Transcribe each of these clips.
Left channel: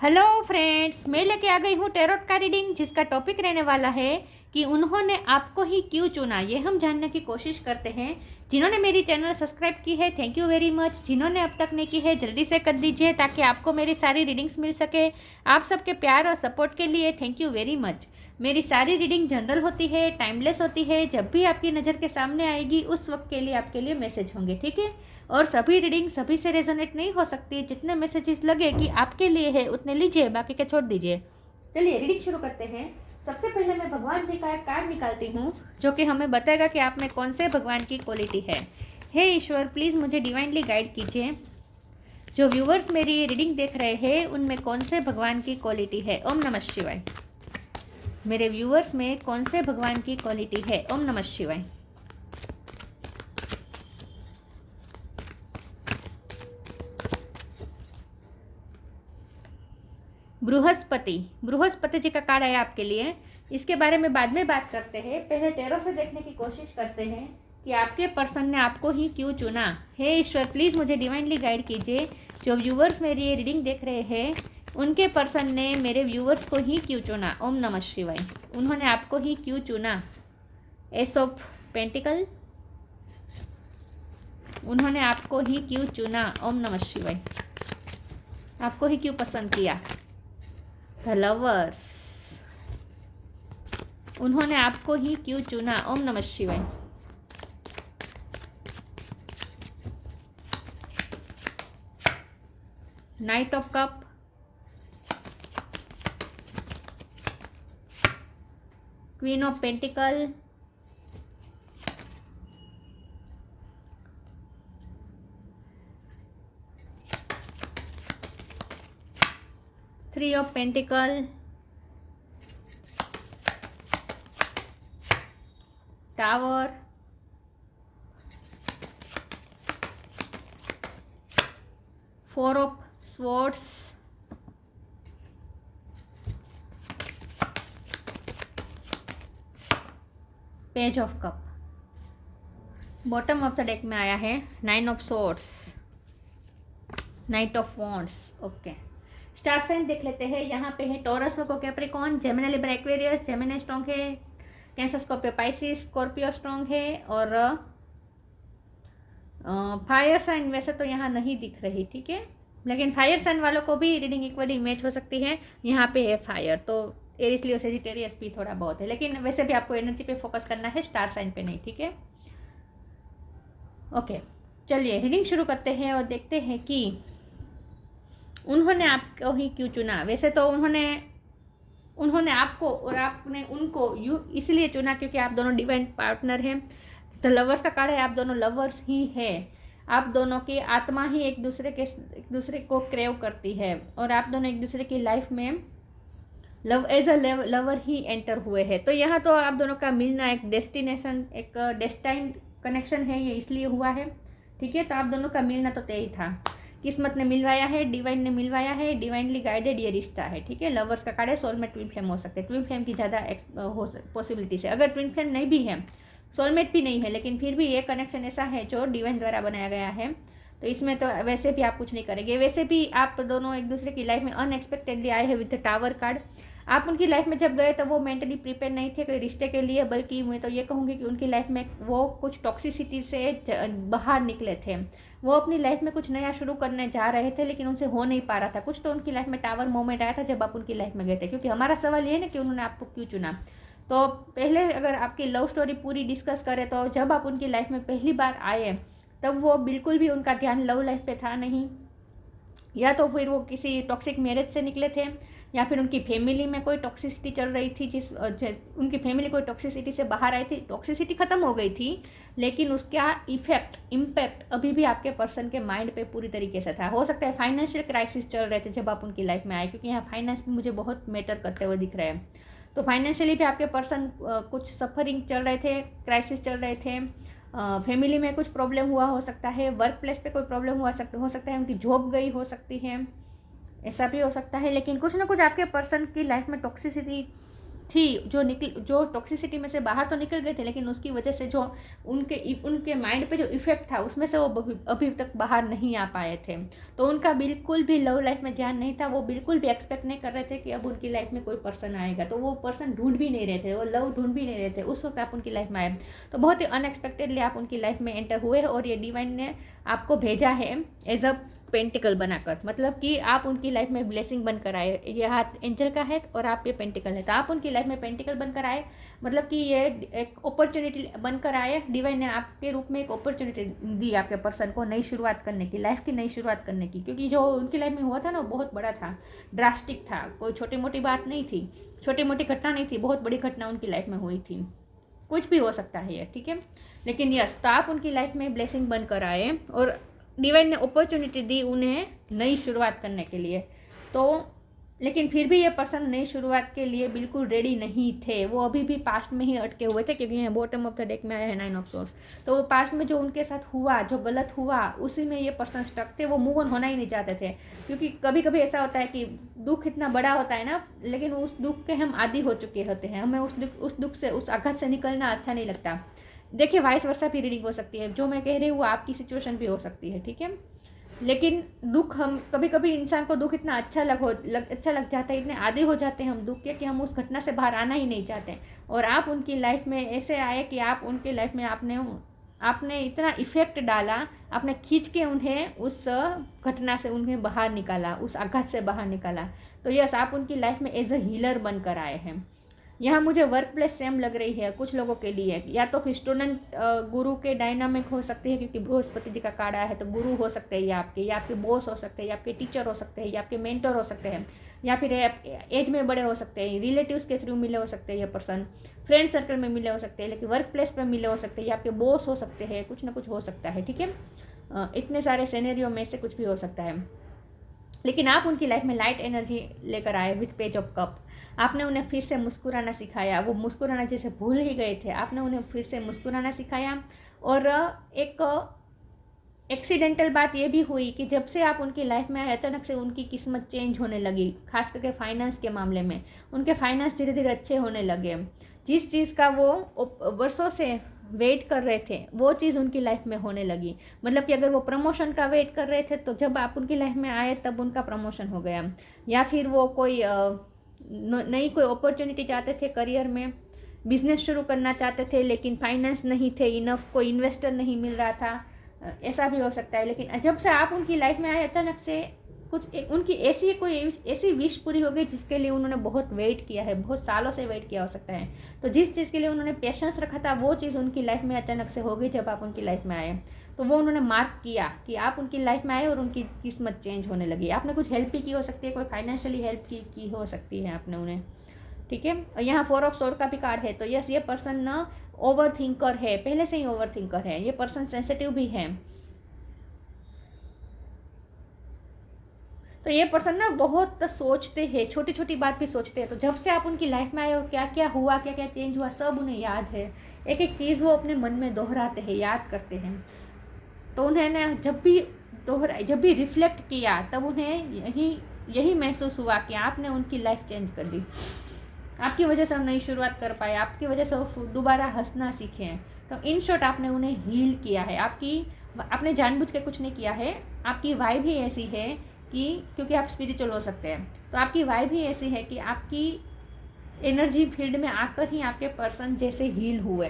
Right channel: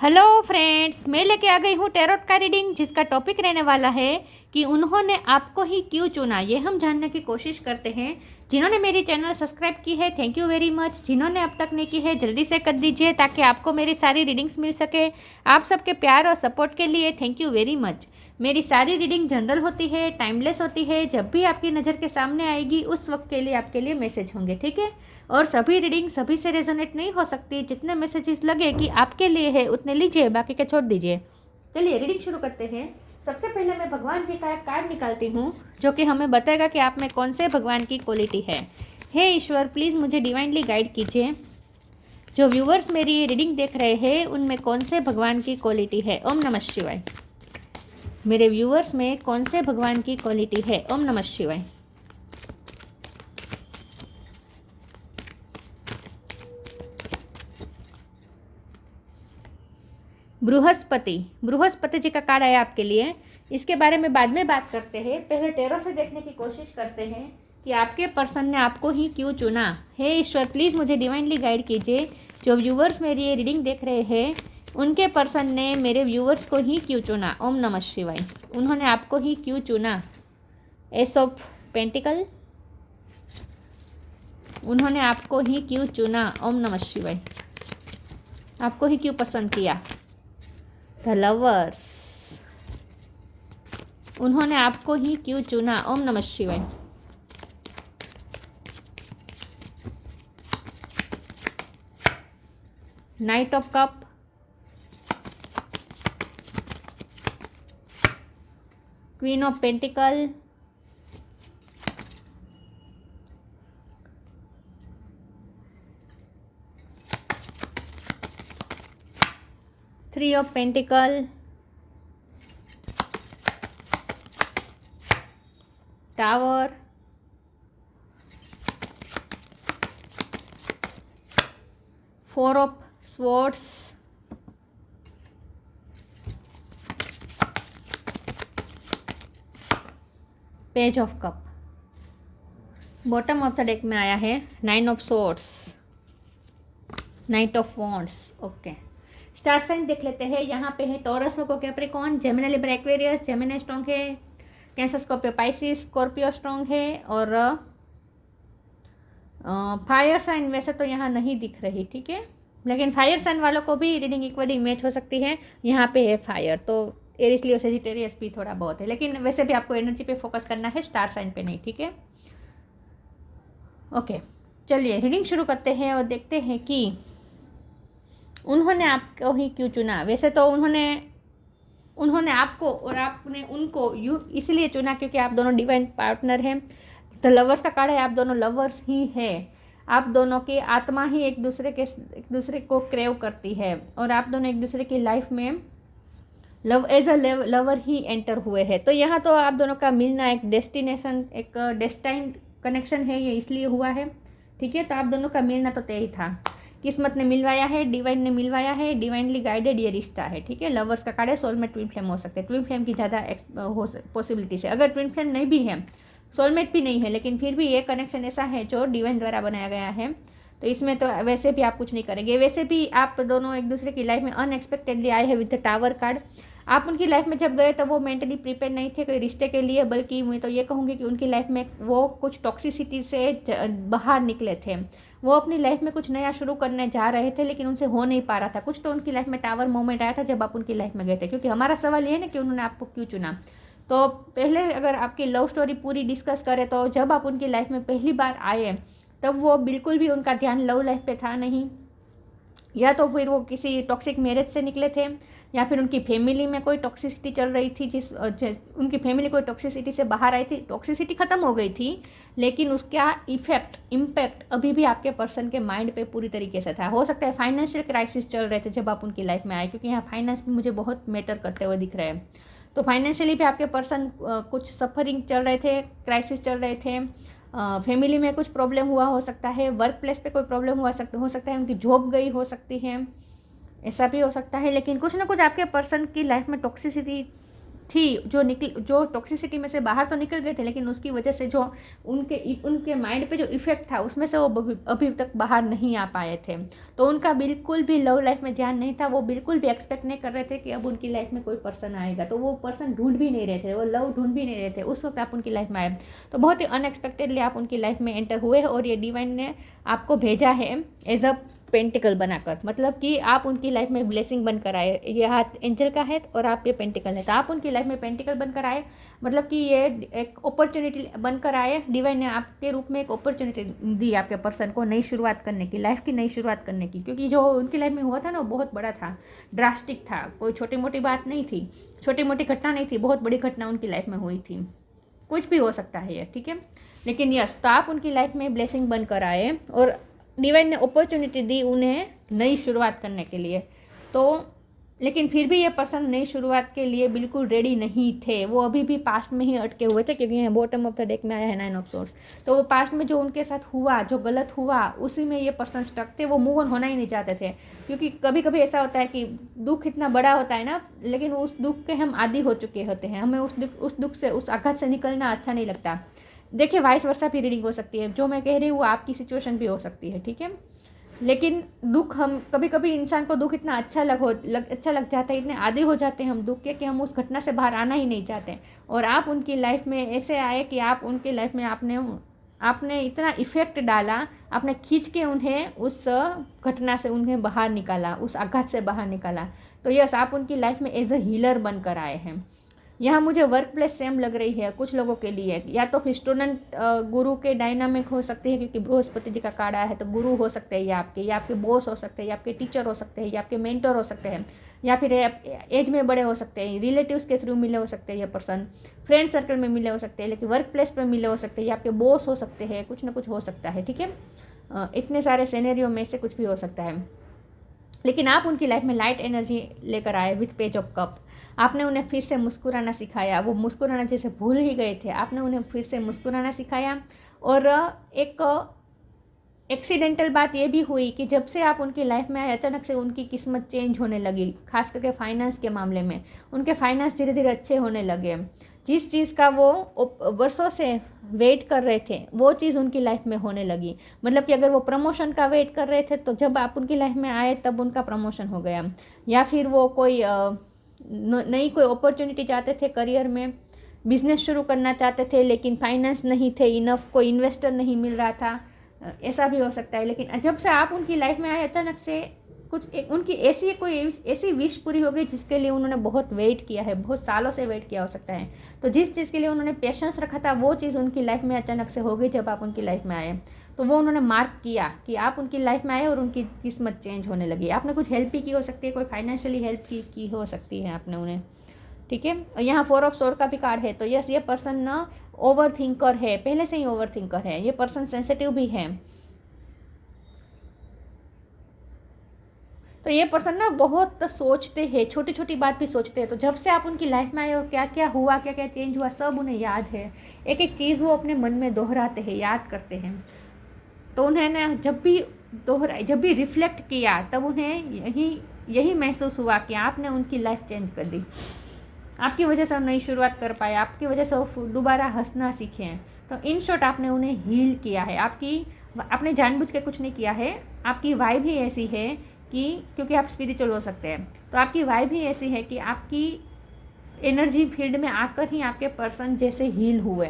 Hello friends, मैं लेके आ गई हूँ टैरोट का रीडिंग, जिसका टॉपिक रहने वाला है कि उन्होंने आपको ही क्यों चुना। ये हम जानने की कोशिश करते हैं। जिन्होंने मेरी चैनल सब्सक्राइब की है, थैंक यू वेरी मच। जिन्होंने अब तक नहीं की है, जल्दी से कर दीजिए ताकि आपको मेरी सारी रीडिंग्स मिल सके। आप सबके प्यार और सपोर्ट के लिए थैंक यू वेरी मच। मेरी सारी रीडिंग जनरल होती है, टाइमलेस होती है। जब भी आपकी नज़र के सामने आएगी उस वक्त के लिए आपके लिए मैसेज होंगे, ठीक है। और सभी रीडिंग सभी से रेजोनेट नहीं हो सकती। जितने मैसेजेस लगे कि आपके लिए है उतने लीजिए, बाकी के छोड़ दीजिए। चलिए रीडिंग शुरू करते हैं। सबसे पहले मैं भगवान जी का एक कार्ड निकालती हूँ, जो कि हमें बताएगा कि आप में कौन से भगवान की क्वालिटी है। हे ईश्वर, प्लीज़ मुझे डिवाइनली गाइड कीजिए। जो व्यूवर्स मेरी रीडिंग देख रहे हैं उनमें कौन से भगवान की क्वालिटी है। ओम नमः शिवाय। मेरे व्यूवर्स में कौन से भगवान की क्वालिटी है। ओम नमः शिवाय। बृहस्पति जी का कार्ड है आपके लिए। इसके बारे में बाद में बात करते हैं। पहले टैरो से देखने की कोशिश करते हैं कि आपके पर्सन ने आपको ही क्यों चुना। हे ईश्वर, प्लीज़ मुझे डिवाइनली गाइड कीजिए। जो व्यूवर्स मेरी ये रीडिंग देख रहे हैं उनके पर्सन ने मेरे व्यूवर्स को ही क्यों चुना। ओम नमः शिवाय। उन्होंने आपको ही क्यों चुना। S of pentacle. उन्होंने आपको ही क्यों चुना। ओम नमः शिवाय। आपको ही क्यों पसंद किया। The lovers. उन्होंने आपको ही क्यों चुना। ओम नमः शिवाय। Knight of cup. Queen of pentacle. Three of pentacle. Tower. Four of swords. Page of cup. Bottom of the deck में आया है nine of swords, knight of wands. Okay, star sign देख लेते हैं। यहाँ पे है Taurus, Capricorn, Gemini, Libra, Aquarius. Gemini strong है, Cancer, Scorpio, Pisces, Scorpio strong है। और फायर साइन वैसे तो यहाँ नहीं दिख रही, ठीक है, लेकिन फायर साइन वालों को भी रीडिंग इक्वली मैच हो सकती है। यहाँ पे है फायर, तो एरिस, लियो, सेजिटेरियस भी थोड़ा बहुत है, लेकिन वैसे भी आपको एनर्जी पे फोकस करना है, स्टार साइन पे नहीं, ठीक है। ओके, चलिए रीडिंग शुरू करते हैं और देखते हैं कि उन्होंने आपको ही क्यों चुना। वैसे तो उन्होंने आपको और आपने उनको इसलिए चुना क्योंकि आप दोनों डिवाइन पार्टनर हैं। तो लवर्स का कार्ड है, आप दोनों लवर्स ही हैं। आप दोनों की आत्मा ही एक दूसरे को क्रेव करती है और आप दोनों एक दूसरे की लाइफ में लव एज अ लवर ही एंटर हुए हैं। तो यहाँ तो आप दोनों का मिलना एक डेस्टिनेशन, एक डेस्टाइन कनेक्शन है, ये इसलिए हुआ है, ठीक है। तो आप दोनों का मिलना तो तय था, किस्मत ने मिलवाया है, डिवाइन ने मिलवाया है, डिवाइनली गाइडेड ये रिश्ता है, ठीक है। लवर्स का कार्ड है, सोलमेट ट्विन फ्लेम हो सकते हैं। ट्विन फ्लेम की ज़्यादा पॉसिबिलिटीज है। अगर ट्विन फ्लेम नहीं भी है, सोलमेट भी नहीं है, लेकिन फिर भी ये कनेक्शन ऐसा है जो डिवाइन द्वारा बनाया गया है, तो इसमें तो वैसे भी आप कुछ नहीं करेंगे। वैसे भी आप दोनों एक दूसरे की लाइफ में अनएक्सपेक्टेडली आए हैं विद द टावर कार्ड। आप उनकी लाइफ में जब गए तो वो मेंटली प्रिपेयर नहीं थे कोई रिश्ते के लिए, बल्कि मैं तो ये कहूँगी कि उनकी लाइफ में वो कुछ टॉक्सिसिटी से बाहर निकले थे। वो अपनी लाइफ में कुछ नया शुरू करने जा रहे थे, लेकिन उनसे हो नहीं पा रहा था कुछ। तो उनकी लाइफ में टावर मोमेंट आया था जब आप उनकी लाइफ में गए थे, क्योंकि हमारा सवाल ये है ना कि उन्होंने आपको क्यों चुना। तो पहले अगर आपकी लव स्टोरी पूरी डिस्कस करें तो जब आप उनकी लाइफ में पहली बार आए तब वो बिल्कुल भी उनका ध्यान लव लाइफ पे था नहीं, या तो फिर वो किसी टॉक्सिक मैरिज से निकले थे, या फिर उनकी फैमिली में कोई टॉक्सिसिटी चल रही थी, उनकी फैमिली कोई टॉक्सिसिटी से बाहर आई थी। टॉक्सिसिटी खत्म हो गई थी, लेकिन उसका इम्पैक्ट अभी भी आपके पर्सन के माइंड पे पूरी तरीके से था। हो सकता है फाइनेंशियल क्राइसिस चल रहे थे जब आप उनकी लाइफ में आए, क्योंकि यहाँ फाइनेंस भी मुझे बहुत मैटर करते हुए दिख रहे हैं। तो फाइनेंशियली भी आपके पर्सन कुछ सफरिंग चल रहे थे, क्राइसिस चल रहे थे। फैमिली में कुछ प्रॉब्लम हुआ हो सकता है, वर्क प्लेस पे कोई प्रॉब्लम हो सकता है, उनकी जॉब गई हो सकती है, ऐसा भी हो सकता है। लेकिन कुछ ना कुछ आपके पर्सन की लाइफ में टॉक्सिसिटी थी, जो टॉक्सिसिटी में से बाहर तो निकल गए थे, लेकिन उसकी वजह से जो उनके माइंड पे जो इफेक्ट था उसमें से वो अभी तक बाहर नहीं आ पाए थे। तो उनका बिल्कुल भी लव लाइफ में ध्यान नहीं था, वो बिल्कुल भी एक्सपेक्ट नहीं कर रहे थे कि अब उनकी लाइफ में कोई पर्सन आएगा, तो वो पर्सन ढूंढ भी नहीं रहे थे, वो लव ढूंढ भी नहीं रहे थे। उस वक्त आप उनकी लाइफ में आए, तो बहुत ही अनएक्सपेक्टेडली आप उनकी लाइफ में एंटर हुए और ये डिवाइन ने आपको भेजा है एज अ पेंटिकल बनाकर, मतलब कि आप उनकी लाइफ में ब्लेसिंग बनकर आए। ये हाथ एंजल का है और आप ये पेंटिकल है, तो आप उनकी लाइफ में पेंटिकल बनकर आए, मतलब कि ये एक अपॉर्चुनिटी बनकर आए। डिवाइन ने आपके रूप में एक अपॉर्चुनिटी दी आपके पर्सन को नई शुरुआत करने की, लाइफ की नई शुरुआत करने की, क्योंकि जो उनकी लाइफ में हुआ था ना वो बहुत बड़ा था, ड्रास्टिक था, कोई छोटी मोटी बात नहीं थी, छोटी मोटी घटना नहीं थी, बहुत बड़ी घटना उनकी लाइफ में हुई थी। कुछ भी हो सकता है ये, ठीक है, लेकिन यस, तो आप उनकी लाइफ में ब्लेसिंग बनकर आए और डिवाइन ने अपॉर्चुनिटी दी उन्हें नई शुरुआत करने के लिए। तो लेकिन फिर भी ये पर्सन नई शुरुआत के लिए बिल्कुल रेडी नहीं थे, वो अभी भी पास्ट में ही अटके हुए थे, क्योंकि यहाँ बॉटम ऑफ द डेक में आया है 9 ऑफ सोर्ड्स। तो वो पास्ट में जो उनके साथ हुआ, जो गलत हुआ, उसी में ये पर्सन स्टक थे, वो मूव ऑन होना ही नहीं चाहते थे। क्योंकि कभी कभी ऐसा होता है कि दुख इतना बड़ा होता है ना, लेकिन उस दुख के हम आदी हो चुके होते हैं, हमें उस दुख से, उस आघात से निकलना अच्छा नहीं लगता। देखिए, वाइस वर्सा भी रीडिंग हो सकती है, जो मैं कह रही हूँ वो आपकी सिचुएशन भी हो सकती है, ठीक है। लेकिन दुख, हम कभी कभी इंसान को दुख इतना अच्छा लग जाता है, इतने आदी हो जाते हैं हम दुख के कि हम उस घटना से बाहर आना ही नहीं चाहते। और आप उनकी लाइफ में ऐसे आए कि आप उनकी लाइफ में आपने इतना इफेक्ट डाला, आपने खींच के उन्हें उस घटना से उन्हें बाहर निकाला, उस आघात से बाहर निकाला। तो यस, आप उनकी लाइफ में एज अ हीलर बनकर आए हैं। यहाँ मुझे वर्क प्लेस सेम लग रही है कुछ लोगों के लिए, या तो फिर स्टूडेंट गुरु के डायनामिक हो सकते हैं, क्योंकि बृहस्पति जी का कार्ड आया है, तो गुरु हो सकते हैं या आपके बॉस हो सकते हैं, या आपके टीचर हो सकते हैं, या आपके मेंटर हो सकते हैं, या फिर एज में बड़े हो सकते हैं, रिलेटिव्स के थ्रू मिले हो सकते हैं ये पर्सन, फ्रेंड सर्कल में मिले हो सकते हैं, लेकिन वर्क प्लेस पर मिले हो सकते हैं, या आपके बॉस हो सकते हैं, कुछ ना कुछ हो सकता है, ठीक है। इतने सारे सिनेरियो में से कुछ भी हो सकता है, लेकिन आप उनकी लाइफ में लाइट एनर्जी लेकर आए विथ पेज ऑफ कप। आपने उन्हें फिर से मुस्कुराना सिखाया, वो मुस्कुराना जैसे भूल ही गए थे, आपने उन्हें फिर से मुस्कुराना सिखाया। और एक एक्सीडेंटल बात ये भी हुई कि जब से आप उनकी लाइफ में आए, अचानक से उनकी किस्मत चेंज होने लगी, खास करके फाइनेंस के मामले में उनके फाइनेंस धीरे धीरे अच्छे होने लगे। जिस चीज़ का वो वर्षों से वेट कर रहे थे, वो चीज़ उनकी लाइफ में होने लगी। मतलब कि अगर वो प्रमोशन का वेट कर रहे थे, तो जब आप उनकी लाइफ में आए तब उनका प्रमोशन हो गया। या फिर वो कोई नई कोई अपॉर्चुनिटी चाहते थे करियर में, बिजनेस शुरू करना चाहते थे, लेकिन फाइनेंस नहीं थे इनफ, कोई इन्वेस्टर नहीं मिल रहा था, ऐसा भी हो सकता है। लेकिन जब से आप उनकी लाइफ में आए, अचानक से उनकी ऐसी विश पूरी हो गई जिसके लिए उन्होंने बहुत वेट किया है, बहुत सालों से वेट किया हो सकता है। तो जिस चीज़ के लिए उन्होंने पेशेंस रखा था, वो चीज़ उनकी लाइफ में अचानक से हो गई जब आप उनकी लाइफ में आए। तो वो उन्होंने मार्क किया कि आप उनकी लाइफ में आए और उनकी किस्मत चेंज होने लगी। आपने कुछ हेल्प भी की हो सकती है, कोई फाइनेंशियली हेल्प की हो सकती है आपने उन्हें, ठीक है। और यहाँ 4 ऑफ सोर्ड का भी कार्ड है, तो यस, ये पर्सन ना ओवर थिंकर है, पहले से ही ओवर थिंकर है, ये पर्सन सेंसिटिव भी है। तो ये पर्सन ना बहुत सोचते हैं, छोटी छोटी बात भी सोचते हैं। तो जब से आप उनकी लाइफ में आए और क्या क्या हुआ, क्या क्या चेंज हुआ, सब उन्हें याद है। एक एक चीज़ वो अपने मन में दोहराते हैं, याद करते हैं। तो उन्होंने जब भी रिफ्लेक्ट किया, तब उन्हें यही महसूस हुआ कि आपने उनकी लाइफ चेंज कर दी। आपकी वजह से हम नई शुरुआत कर पाए, आपकी वजह से वो दोबारा हंसना सीखे। तो इन शॉर्ट आपने उन्हें हील किया है। आपने जानबूझ के कुछ नहीं किया है। आपकी वाइब ही ऐसी है कि, क्योंकि आप स्पिरिचुअल हो सकते हैं, तो आपकी वाइब ही ऐसी है कि आपकी एनर्जी फील्ड में आकर ही आपके पर्सन जैसे हील हुए।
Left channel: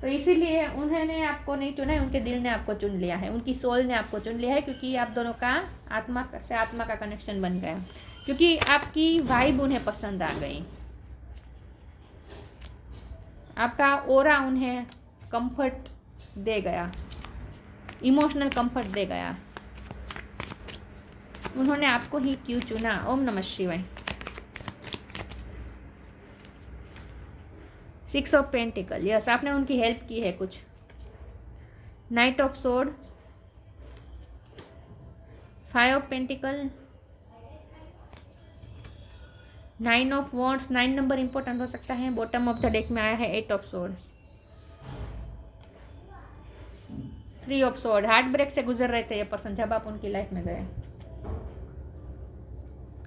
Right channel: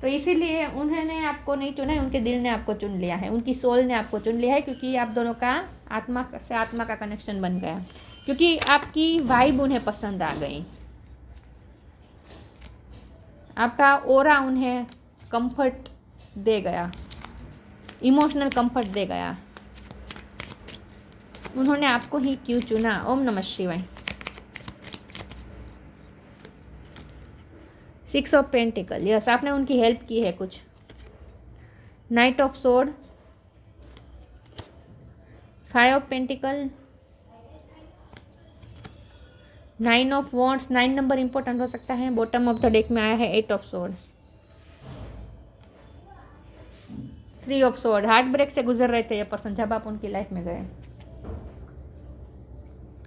तो इसीलिए उन्होंने आपको नहीं चुना है, उनके दिल ने आपको चुन लिया है, उनकी सोल ने आपको चुन लिया है, क्योंकि आप दोनों का आत्मा से आत्मा का कनेक्शन बन गया, क्योंकि आपकी वाइब उन्हें पसंद आ गई, आपका ओरा उन्हें कंफर्ट दे गया, इमोशनल कंफर्ट दे गया। उन्होंने आपको ही क्यों चुना। ओम नमः शिवाय। 6 ऑफ पेंटिकल, यस, आपने उनकी हेल्प की है कुछ। Night of sword, 5 of pentacle, 9 of wands, 9 number important हो सकता है। बॉटम ऑफ द डेक में आया है 8 of sword, 3 of sword. Heart break से गुजर रहे थे ये पर्सन जब आप उनकी लाइफ में गए।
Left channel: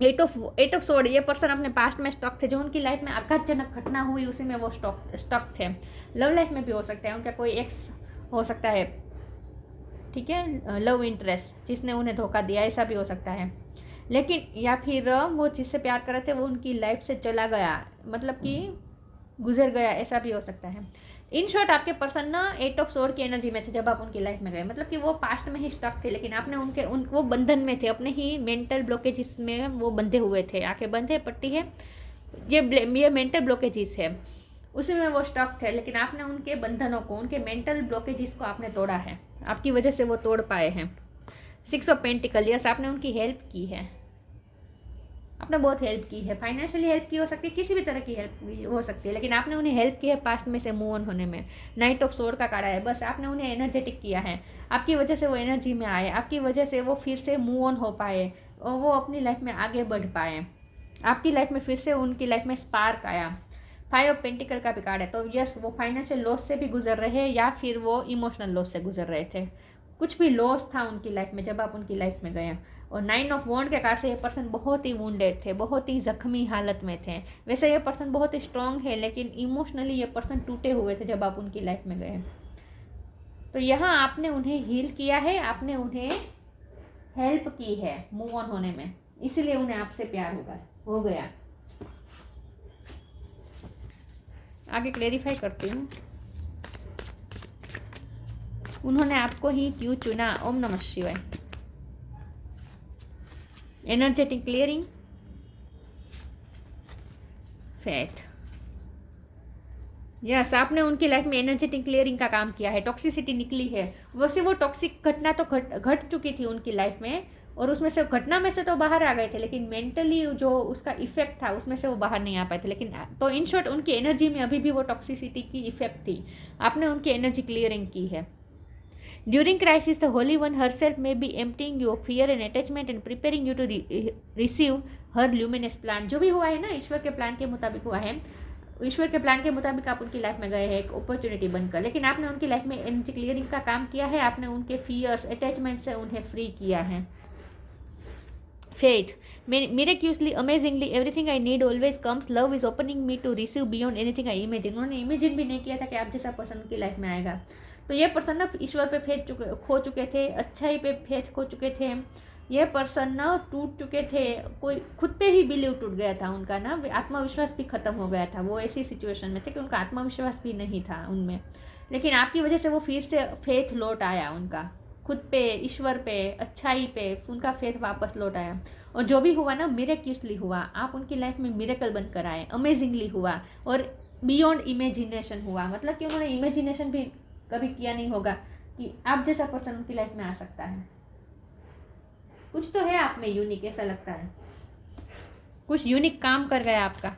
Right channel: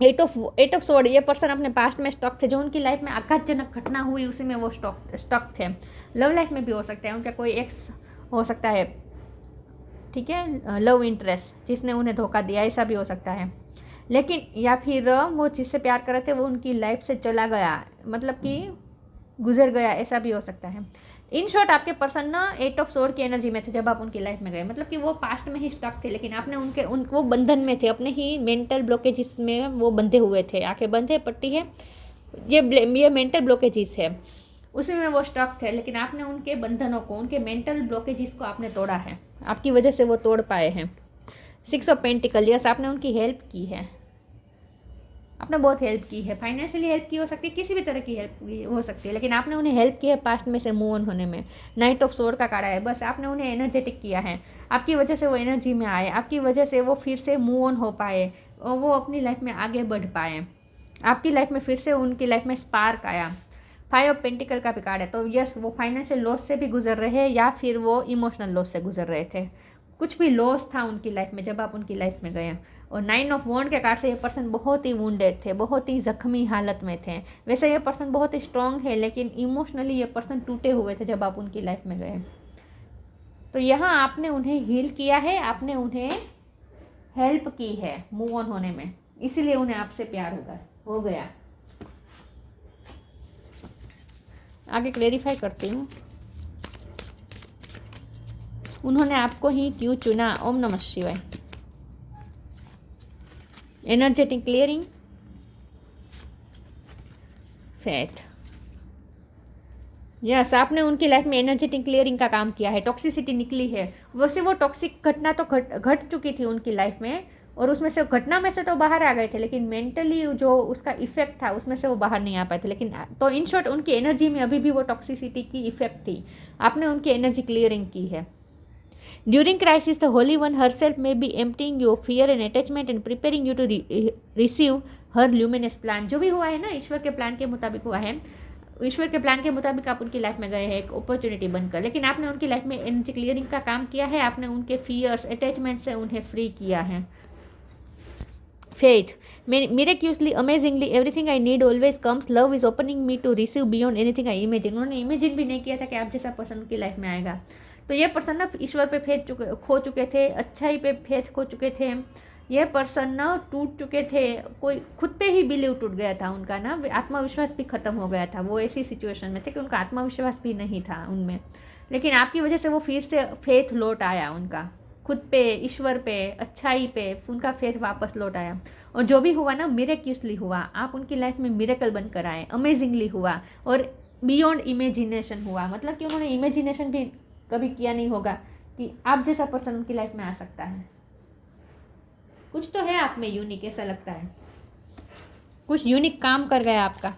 एट ऑफ सोर्ड, ये पर्सन अपने पास्ट में स्टक थे, जो उनकी लाइफ में आघातजनक घटना हुई उसी में वो स्टक थे। लव लाइफ में भी हो सकता है, उनका कोई एक्स हो सकता है, ठीक है, लव इंटरेस्ट जिसने उन्हें धोखा दिया, ऐसा भी हो सकता है। लेकिन या फिर वो जिससे प्यार कर रहे थे वो उनकी लाइफ से चला गया, मतलब कि गुजर गया, ऐसा भी हो सकता है। इन शॉर्ट आपके पर्सन ना 8 ऑफ सोर्ड की एनर्जी में थे जब आप उनकी लाइफ में गए, मतलब कि वो पास्ट में ही स्टक थे, लेकिन आपने वो बंधन में थे, अपने ही मेंटल ब्लॉकेजेस में वो बंधे हुए थे। आंखें बंद है, पट्टी है, ये मेंटल ब्लॉकेजेस है, उसी में वो स्टक थे, लेकिन आपने उनके बंधनों को, उनके मेंटल ब्लॉकेजेस को आपने तोड़ा है, आपकी वजह से वो तोड़ पाए हैं। 6 ऑफ पेंटिकल, यस आपने उनकी हेल्प की है, आपने बहुत हेल्प की है, फाइनेंशियली हेल्प की हो सकती है, किसी भी तरह की हेल्प हो सकती है, लेकिन आपने उन्हें हेल्प की है पास्ट में से मूव ऑन होने में। नाइट ऑफ सोर्ड का कार्ड है, बस आपने उन्हें एनर्जेटिक किया है, आपकी वजह से वो एनर्जी में आए, आपकी वजह से वो फिर से मूव ऑन हो पाए और वो अपनी लाइफ में आगे बढ़ पाए, आपकी लाइफ में फिर से उनकी लाइफ में स्पार्क आया। 5 ऑफ पेंटिकल का भी कार्ड है, तो यस वो फाइनेंशियल लॉस से भी गुजर रहे हैं या फिर वो इमोशनल लॉस से गुजर रहे थे, कुछ भी लॉस था उनकी लाइफ में जब आप उनकी लाइफ में गए। और 9 ऑफ वॉन्ड के कार्ड से ये पर्सन बहुत ही वुंडेड थे, बहुत ही जख्मी हालत में थे। वैसे ये पर्सन बहुत ही स्ट्रांग है, लेकिन इमोशनली ये पर्सन टूटे हुए थे जब आप उनकी लाइफ में गए। तो यहाँ आपने उन्हें हील किया है, आपने उन्हें हेल्प की है मूव ऑन होने में, इसीलिए उन्हें आपसे प्यार हो गया। आगे क्लेरिफाई करती हूँ, उन्होंने आपको ही क्यों चुना। ओम नमः शिवाय। एनर्जेटिक क्लियरिंग, फेथ, यस आपने उनकी लाइफ में एनर्जेटिक क्लियरिंग का काम किया है, टॉक्सिसिटी निकली है। वैसे वो टॉक्सिक घटना तो घट चुकी थी उनकी लाइफ में, और उसमें से घटना में से तो बाहर आ गए थे, लेकिन मेंटली जो उसका इफेक्ट था उसमें से वो बाहर नहीं आ पाए थे। लेकिन तो इन शॉर्ट उनकी एनर्जी में अभी भी वो टॉक्सिसिटी की इफेक्ट थी, आपने उनकी एनर्जी क्लियरिंग की है। During crisis, the Holy One herself may be emptying your fear and attachment and preparing you to receive her luminous plan. जो भी हुआ है ना ईश्वर के प्लान के मुताबिक हुआ है, ईश्वर के प्लान के मुताबिक आप उनकी लाइफ में गए हैं एक अपॉर्चुनिटी बनकर, लेकिन आपने उनकी लाइफ में एनर्जी क्लियरिंग का काम किया है, आपने उनके फियर्स अटैचमेंट से उन्हें फ्री किया है। Faith, miraculously, amazingly, everything I need always comes. Love is opening me to receive beyond anything I imagine. उन्होंने इमेजिन भी नहीं किया था कि आप जैसा पर्सन उनकी लाइफ में आएगा। तो ये पर्सन ना ईश्वर पे फेथ खो चुके थे, अच्छाई पे फेथ खो चुके थे, ये पर्सन ना टूट चुके थे, कोई खुद पे ही बिलीव टूट गया था उनका ना, आत्मविश्वास भी खत्म हो गया था, वो ऐसी सिचुएशन में थे कि उनका आत्मविश्वास भी नहीं था उनमें, लेकिन आपकी वजह से वो फिर से फेथ लौट आया उनका, खुद पे, ईश्वर पे, अच्छाई पे उनका फेथ वापस लौट आया। और जो भी हुआ ना मिरेक्युलसली हुआ, आप उनकी लाइफ में मिरेकल बनकर आए, अमेजिंगली हुआ और बियॉन्ड इमेजिनेशन हुआ, मतलब कि उन्होंने इमेजिनेशन भी कभी किया नहीं होगा कि आप जैसा पर्सन उनकी लाइफ में आ सकता है। कुछ तो है आप में यूनिक, ऐसा लगता है कुछ यूनिक काम कर गया आपका।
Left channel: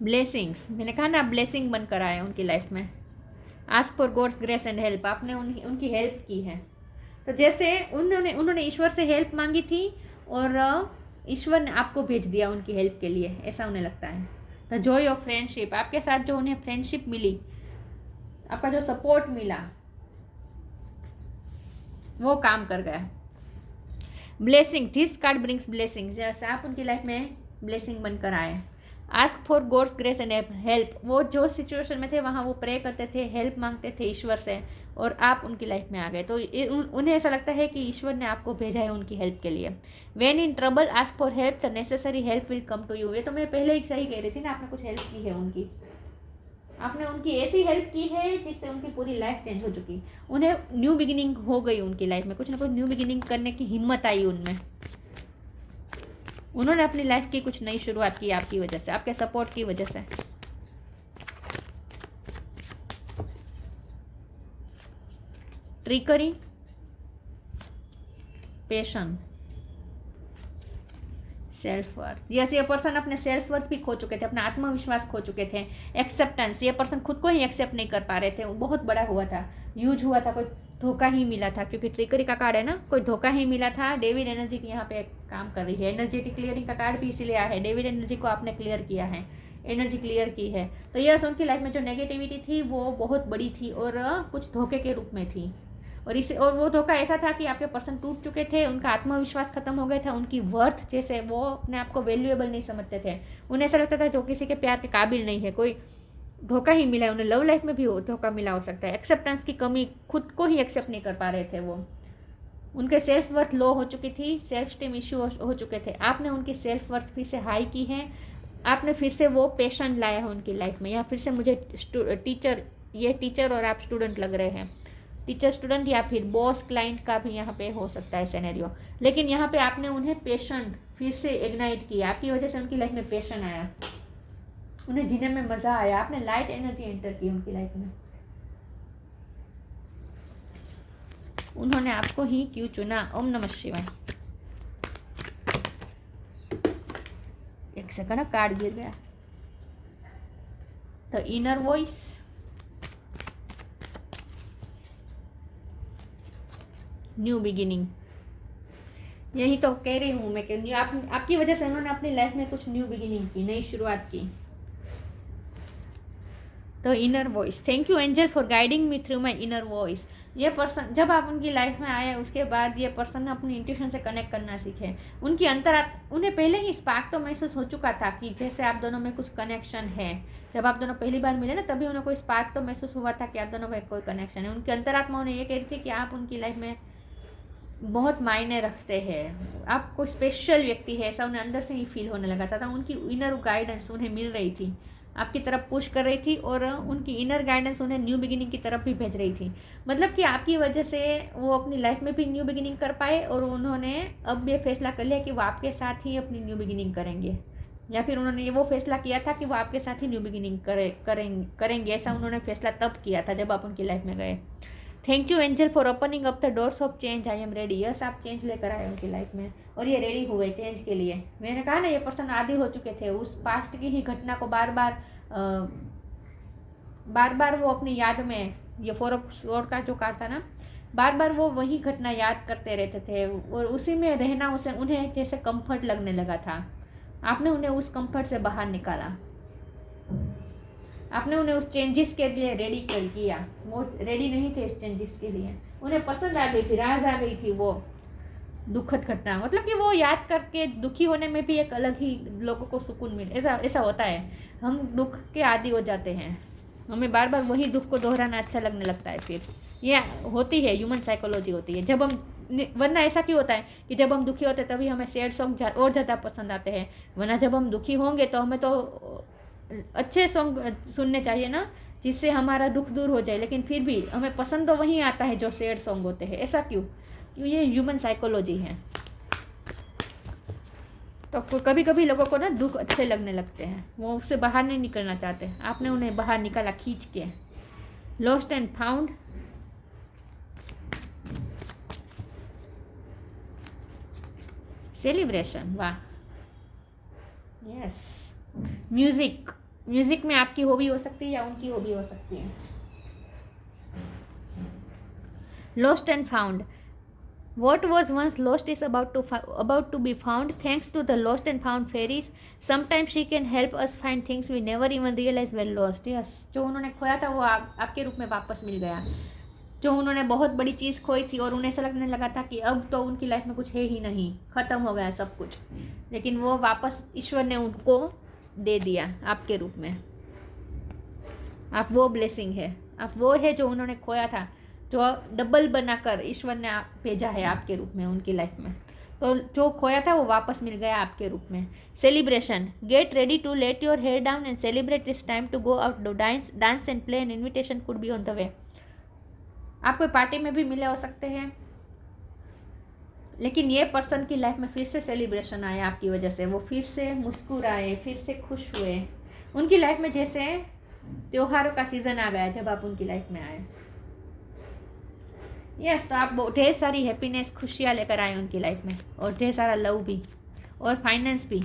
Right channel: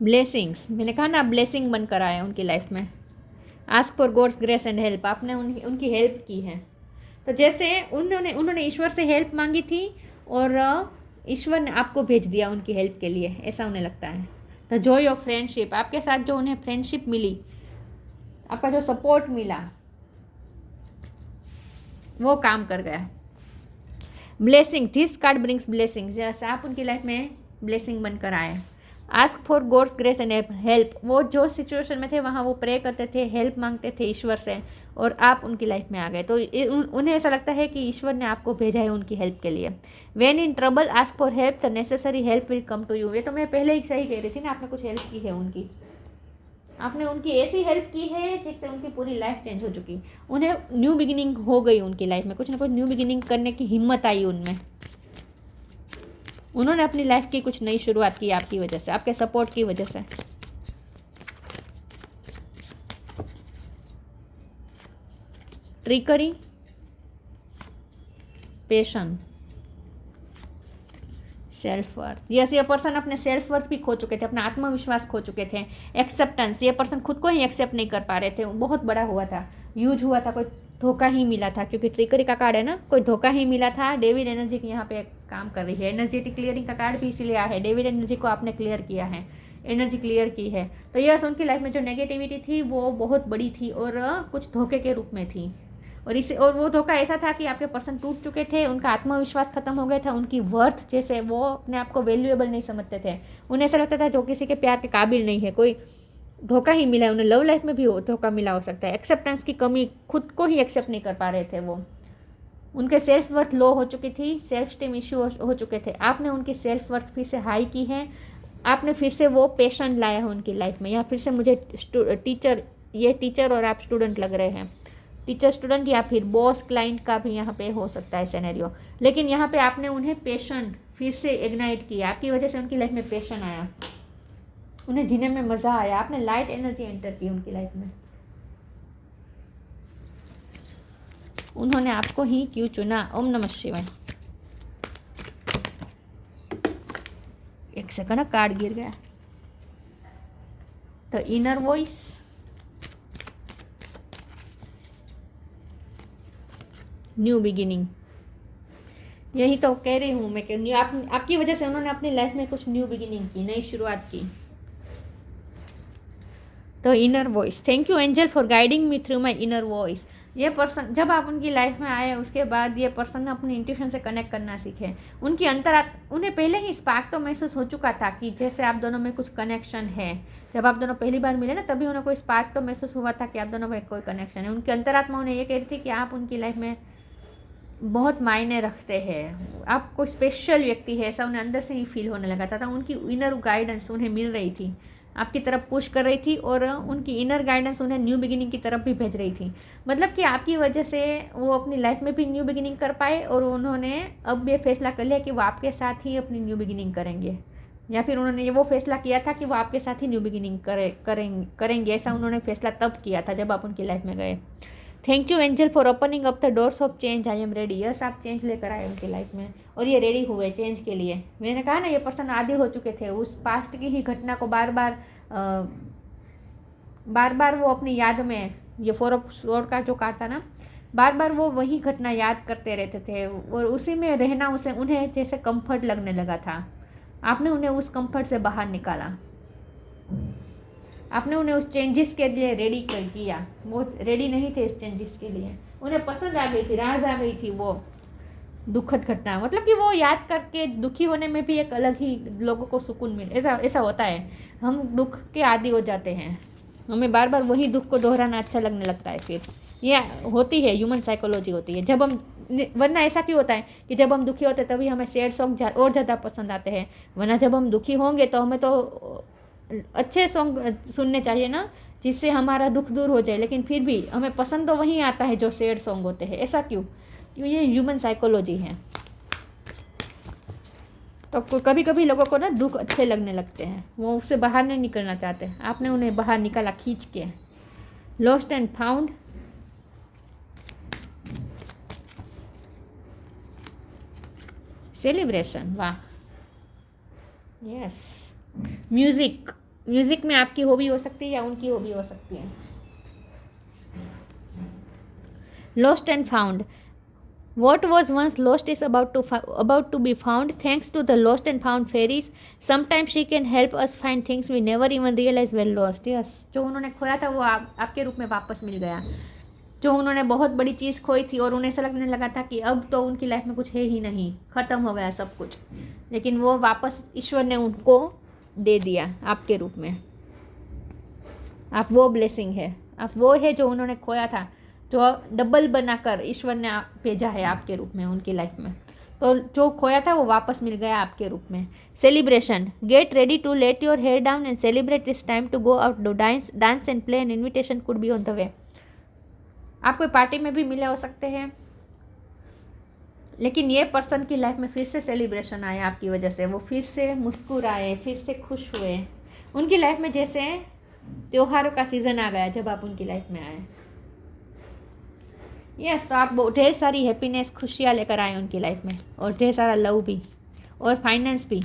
ब्लेसिंग्स, मैंने कहा ना ब्लेसिंग बनकर आए उनकी लाइफ में। Ask for God's grace and help, आपने उनकी हेल्प की है। तो जैसे उन्होंने ईश्वर से हेल्प मांगी थी और ईश्वर ने आपको भेज दिया उनकी हेल्प के लिए, ऐसा उन्हें लगता है। द जॉय ऑफ फ्रेंडशिप, आपके साथ जो उन्हें फ्रेंडशिप मिली, आपका जो सपोर्ट मिला वो काम कर गया। Blessing, this card brings blessings, जैसे आप उनकी लाइफ में ब्लेसिंग बनकर आए। Ask for God's grace and help, वो जो सिचुएशन में थे वहाँ वो प्रे करते थे, हेल्प मांगते थे ईश्वर से, और आप उनकी लाइफ में आ गए। तो उन्हें ऐसा लगता है कि ईश्वर ने आपको भेजा है उनकी हेल्प के लिए। When in trouble ask for help, the necessary help will come to you. ये तो मैं पहले ही सही कह रही थी ना, आपने कुछ हेल्प की है उनकी, आपने उनकी ऐसी हेल्प की है जिससे उनकी पूरी लाइफ चेंज हो चुकी, उन्हें न्यू बिगिनिंग हो गई उनकी लाइफ में, कुछ ना कुछ न्यू बिगिनिंग करने की हिम्मत आई उनमें, उन्होंने अपनी लाइफ की कुछ नई शुरुआत की आपकी वजह से, आपके सपोर्ट की वजह से। ट्रिकरी, पेशन, सेल्फ वर्थ, यस ये पर्सन अपने सेल्फ वर्थ भी खो चुके थे, अपना आत्मविश्वास खो चुके थे। एक्सेप्टेंस, ये पर्सन खुद को ही एक्सेप्ट नहीं कर पा रहे थे, बहुत बड़ा हुआ था, यूज हुआ था, कोई धोखा ही मिला था, क्योंकि ट्रिकरी का कार्ड है ना, कोई धोखा ही मिला था। डेविड एनर्जी की यहाँ पे काम कर रही है, एनर्जेटिक क्लियरिंग का कार्ड भी इसीलिए आया है, डेविड एनर्जी को आपने क्लियर किया है, एनर्जी क्लियर की है। तो यस, उनकी लाइफ में जो नेगेटिविटी थी वो बहुत बड़ी थी और कुछ धोखे के रूप में थी। और वो धोखा ऐसा था कि आपके पर्सन टूट चुके थे, उनका आत्मविश्वास खत्म हो गया था, उनकी वर्थ जैसे वो अपने आप को वैल्यूएबल नहीं समझते थे। उन्हें ऐसा लगता था जो किसी के प्यार के काबिल नहीं है, कोई धोखा ही मिला है। उन्हें लव लाइफ में भी धोखा मिला हो सकता है। एक्सेप्टेंस की कमी, खुद को ही एक्सेप्ट नहीं कर पा रहे थे वो। उनके सेल्फ वर्थ लो हो चुकी थी, सेल्फ स्टीम इश्यू हो चुके थे। आपने उनकी सेल्फ वर्थ फिर से हाई की है, आपने फिर से वो पैशन लाया है उनकी लाइफ में। या फिर से मुझे टीचर, ये टीचर और आप स्टूडेंट लग रहे हैं, टीचर स्टूडेंट या फिर बॉस क्लाइंट का भी यहाँ पे हो सकता है सिनेरियो। लेकिन यहाँ पे आपने उन्हें पैशन फिर से इग्नाइट किया, आपकी वजह से उनकी लाइफ में पैशन आया, उन्हें जीने में मज़ा आया, आपने लाइट एनर्जी एंटर की उनकी लाइफ में। उन्होंने आपको ही क्यों चुना? ओम नमः शिवाय। एक सेकंड, कार्ड गिर गया। The inner voice, new beginning. यही तो कह रही हूँ मैं कि आपकी वजह से उन्होंने अपनी लाइफ में कुछ न्यू बिगिनिंग की, नई शुरुआत की। तो inner voice, thank you angel for guiding me through my inner voice. ये पर्सन जब आप उनकी लाइफ में आए उसके बाद ये पर्सन अपनी इंट्यूशन से कनेक्ट करना सीखे। उनकी उन्हें पहले ही स्पार्क तो महसूस हो चुका था कि जैसे आप दोनों में कुछ कनेक्शन है। जब आप दोनों पहली बार मिले ना, तभी उन्हें कोई स्पार्क तो महसूस हुआ था कि आप दोनों में कोई कनेक्शन है। उनकी अंतरात्मा उन्हें ये कह रही थी कि आप उनकी लाइफ में बहुत मायने रखते हैं, आप कोई स्पेशल व्यक्ति है, ऐसा उन्हें अंदर से ही फील होने लगा था। उनकी इनर गाइडेंस उन्हें मिल रही थी, आपकी तरफ पुश कर रही थी, और उनकी इनर गाइडेंस उन्हें न्यू बिगिनिंग की तरफ भी भेज रही थी। मतलब कि आपकी वजह से वो अपनी लाइफ में भी न्यू बिगिनिंग कर पाए, और उन्होंने अब ये फैसला कर लिया कि वो आपके साथ ही अपनी न्यू बिगिनिंग करेंगे, या फिर उन्होंने ये वो फैसला किया था कि वो आपके साथ ही न्यू बिगिनिंग करेंगे। ऐसा उन्होंने फैसला तब किया था जब आप उनकी लाइफ में गए। Thank you angel for opening up the doors of change, I am ready. Yes, आप चेंज लेकर आए उनकी लाइफ में, और ये रेडी हुए चेंज के लिए। मैंने कहा ना, ये पर्सन आदी हो चुके थे उस पास्ट की ही घटना को बार बार वो अपनी याद में, ये 4 ऑफ स्वॉर्ड का जो कार्ड था ना, बार बार वो वही घटना याद करते रहते थे, और उसी में रहना उन्हें जैसे कंफर्ट लगने लगा था। आपने उन्हें उस कंफर्ट से बाहर निकाला, आपने उन्हें उस चेंजेस के लिए रेडी कर दिया। वो रेडी नहीं थे इस चेंजेस के लिए, उन्हें पसंद आ गई थी, राज आ गई थी वो दुखद घटना। मतलब कि वो याद करके दुखी होने में भी एक अलग ही लोगों को सुकून मिले। ऐसा होता है, हम दुख के आदी हो जाते हैं, हमें बार बार वही दुख को दोहराना अच्छा लगने लगता है। फिर ये होती है, ह्यूमन साइकोलॉजी होती है। जब हम, वरना ऐसा क्यों होता है कि जब हम दुखी होते हैं तभी हमें सैड सॉन्ग और ज़्यादा पसंद आते हैं, वरना जब हम दुखी होंगे तो हमें तो अच्छे सॉन्ग सुनने चाहिए ना, जिससे हमारा दुख दूर हो जाए। लेकिन फिर भी हमें पसंद तो वही आता है जो सैड सॉन्ग होते हैं। ऐसा क्यों? ये ह्यूमन साइकोलॉजी है। तो कभी कभी लोगों को ना दुख अच्छे लगने लगते हैं, वो उससे बाहर नहीं निकलना चाहते। आपने उन्हें बाहर निकाला खींच के। लॉस्ट एंड फाउंड, सेलिब्रेशन, वाह, यस। म्यूजिक में आपकी हॉबी हो सकती है या उनकी हॉबी हो सकती है। Lost and found, what was once lost is about to be found thanks to the lost and found fairies. Sometimes she can help us find things we never even realized were lost. Yes, जो उन्होंने खोया था वो आपके रूप में वापस मिल गया। जो उन्होंने बहुत बड़ी चीज़ खोई थी और उन्हें ऐसा लगने लगा था कि अब तो उनकी लाइफ में कुछ है ही नहीं, ख़त्म हो गया सब कुछ, लेकिन वो वापस ईश्वर ने उनको दे दिया आपके रूप में। आप वो ब्लेसिंग है, आप वो है जो उन्होंने खोया था, जो डबल बनाकर ईश्वर ने भेजा है आपके रूप में उनकी लाइफ में। तो जो खोया था वो वापस मिल गया आपके रूप में। Celebration, get ready to let your hair down and celebrate, it's time to go out, dance and play, an invitation could be on the way. आप कोई पार्टी में भी मिले हो सकते हैं, लेकिन ये पर्सन की लाइफ में फिर से सेलिब्रेशन आया आपकी वजह से। वो फिर से मुस्कुराए, फिर से खुश हुए। उनकी लाइफ में जैसे त्योहारों का सीज़न आ गया जब आप उनकी लाइफ में आए। यस, तो आप ढेर सारी हैप्पीनेस, खुशियाँ लेकर आए उनकी लाइफ में, और ढेर सारा लव भी, और फाइनेंस भी।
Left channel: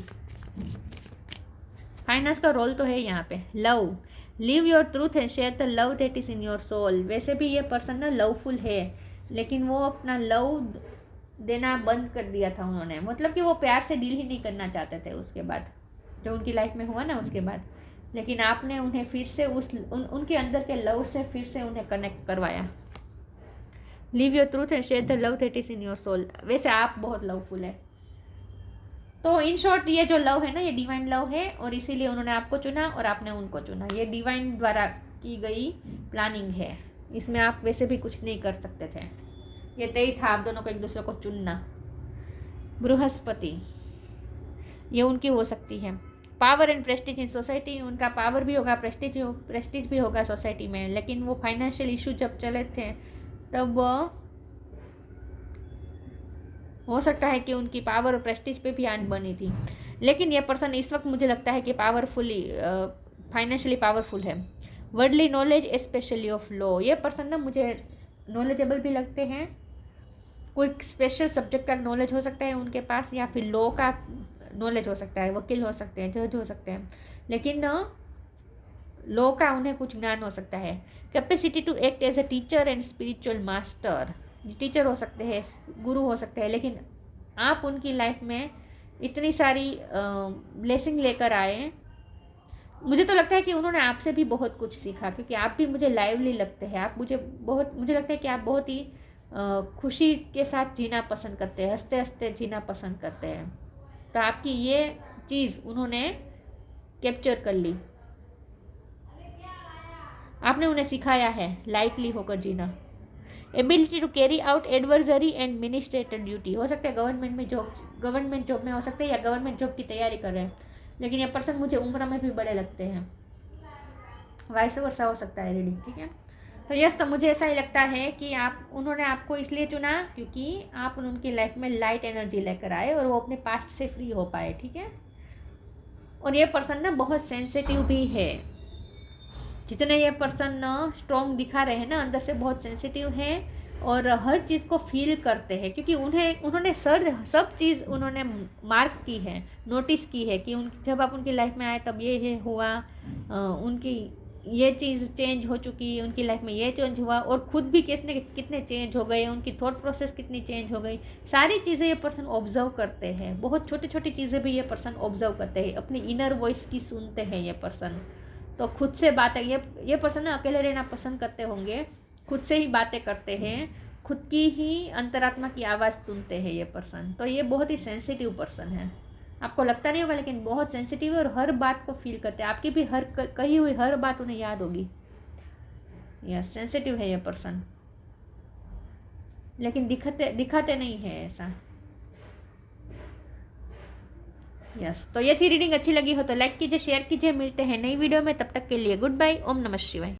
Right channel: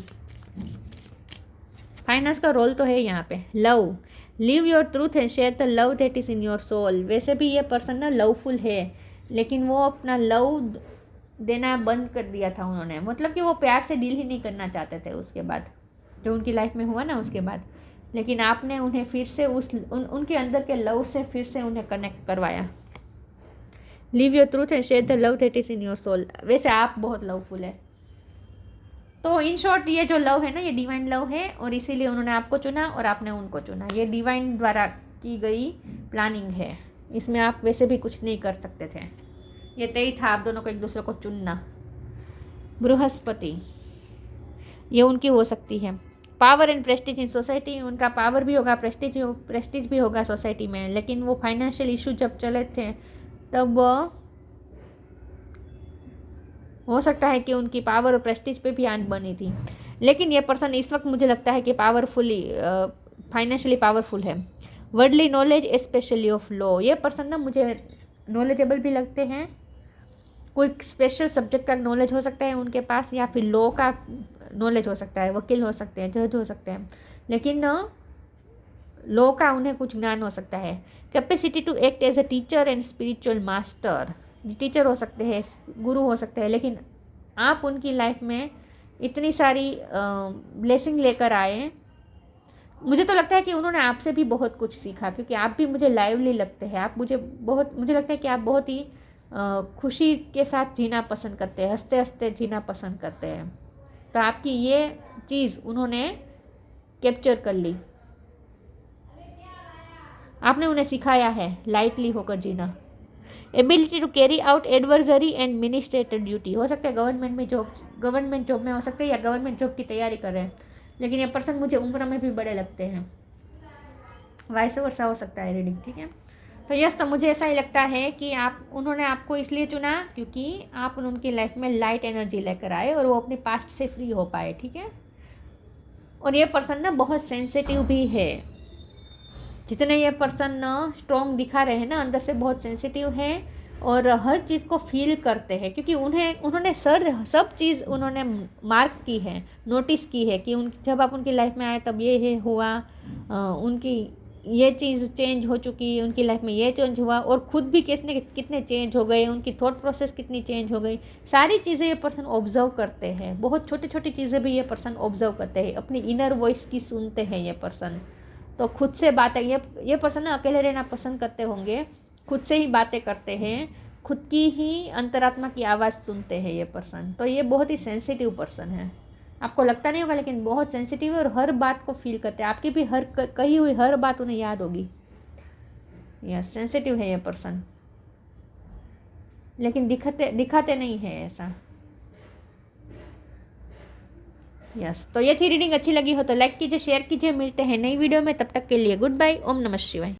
फाइनेंस का रोल तो है यहाँ पे। Love, live your truth and share the love that is in your soul. वैसे भी ये पर्सन ना लवफुल है, लेकिन वो अपना लव देना बंद कर दिया था उन्होंने। मतलब कि वो प्यार से डील ही नहीं करना चाहते थे उसके बाद, जो उनकी लाइफ में हुआ ना उसके बाद। लेकिन आपने उन्हें फिर से उनके अंदर के लव से फिर से उन्हें कनेक्ट करवाया। Live your truth and share the love that is in your soul. वैसे आप बहुत लवफुल है। तो इन शॉर्ट ये जो लव है ना, ये डिवाइन लव है, और इसीलिए उन्होंने आपको चुना और आपने उनको चुना। ये डिवाइन द्वारा की गई प्लानिंग है, इसमें आप वैसे भी कुछ नहीं कर सकते थे। ये तय था आप दोनों को एक दूसरे को चुनना। बृहस्पति, ये उनकी हो सकती है। Power and Prestige in society, उनका पावर भी होगा, प्रेस्टीज भी होगा सोसाइटी में। लेकिन वो फाइनेंशियल इशू जब चले थे तब हो सकता है कि उनकी पावर और प्रेस्टीज पे भी आंच बनी थी। लेकिन ये पर्सन इस वक्त मुझे लगता है कि फाइनेंशियली पावरफुल है। Worldly knowledge specially of law, ये पर्सन ना मुझे नॉलेजेबल भी लगते हैं। कोई स्पेशल सब्जेक्ट का नॉलेज हो सकता है उनके पास, या फिर लॉ का नॉलेज हो सकता है, वकील हो सकते हैं, जज हो सकते हैं। लेकिन लॉ का उन्हें कुछ ज्ञान हो सकता है। Capacity to act as a teacher and spiritual master, teacher हो सकते हैं, गुरु हो सकते हैं। लेकिन आप उनकी लाइफ में इतनी सारी ब्लेसिंग लेकर आए, मुझे तो लगता है कि उन्होंने आपसे भी बहुत कुछ सीखा, क्योंकि आप भी मुझे लाइवली लगते हैं। आप मुझे लगता है कि आप बहुत ही खुशी के साथ जीना पसंद करते हैं, हंसते हंसते जीना पसंद करते हैं। तो आपकी ये चीज़ उन्होंने कैप्चर कर ली, आपने उन्हें सिखाया है लाइटली होकर जीना। Ability to carry out adversary and administrator duty, हो सकता है गवर्नमेंट जॉब में हो सकते हैं, या गवर्नमेंट जॉब की तैयारी कर रहे हैं। लेकिन ये पर्सन मुझे उम्र में भी बड़े लगते हैं, वाइस वर्सा हो सकता है रीडिंग, ठीक है। तो यस, तो मुझे ऐसा ही लगता है कि उन्होंने आपको इसलिए चुना क्योंकि आप उनकी लाइफ में लाइट एनर्जी लेकर आए और वो अपने पास्ट से फ्री हो पाए, ठीक है। और ये पर्सन ना बहुत सेंसिटिव भी है। जितने ये पर्सन स्ट्रॉन्ग दिखा रहे हैं ना, अंदर से बहुत सेंसिटिव है और हर चीज़ को फील करते हैं, क्योंकि उन्होंने सब चीज़ उन्होंने मार्क की है, नोटिस की है कि जब आप उनकी लाइफ में आए तब ये हुआ, उनकी ये चीज़ चेंज हो चुकी, उनकी लाइफ में ये चेंज हुआ, और खुद भी कितने चेंज हो गए, उनकी थॉट प्रोसेस कितनी चेंज हो गई। सारी चीज़ें ये पर्सन ऑब्जर्व करते हैं, बहुत छोटी छोटी चीज़ें भी ये पर्सन ऑब्जर्व करते हैं, अपनी इनर वॉइस की सुनते हैं ये पर्सन। तो खुद से बातें, ये पर्सन ना अकेले रहना पसंद करते होंगे, खुद से ही बातें करते हैं, खुद की ही अंतरात्मा की आवाज़ सुनते हैं ये पर्सन। तो ये बहुत ही सेंसिटिव पर्सन है, आपको लगता नहीं होगा लेकिन बहुत सेंसिटिव है और हर बात को फील करते हैं। आपकी भी कही हुई हर बात उन्हें याद होगी। यस, सेंसिटिव है ये पर्सन, लेकिन दिखाते नहीं है ऐसा। यस, तो ये थी रीडिंग। अच्छी लगी हो तो लाइक कीजिए, शेयर कीजिए। मिलते हैं नई वीडियो में, तब तक के लिए गुड बाय। ओम नमः शिवाय।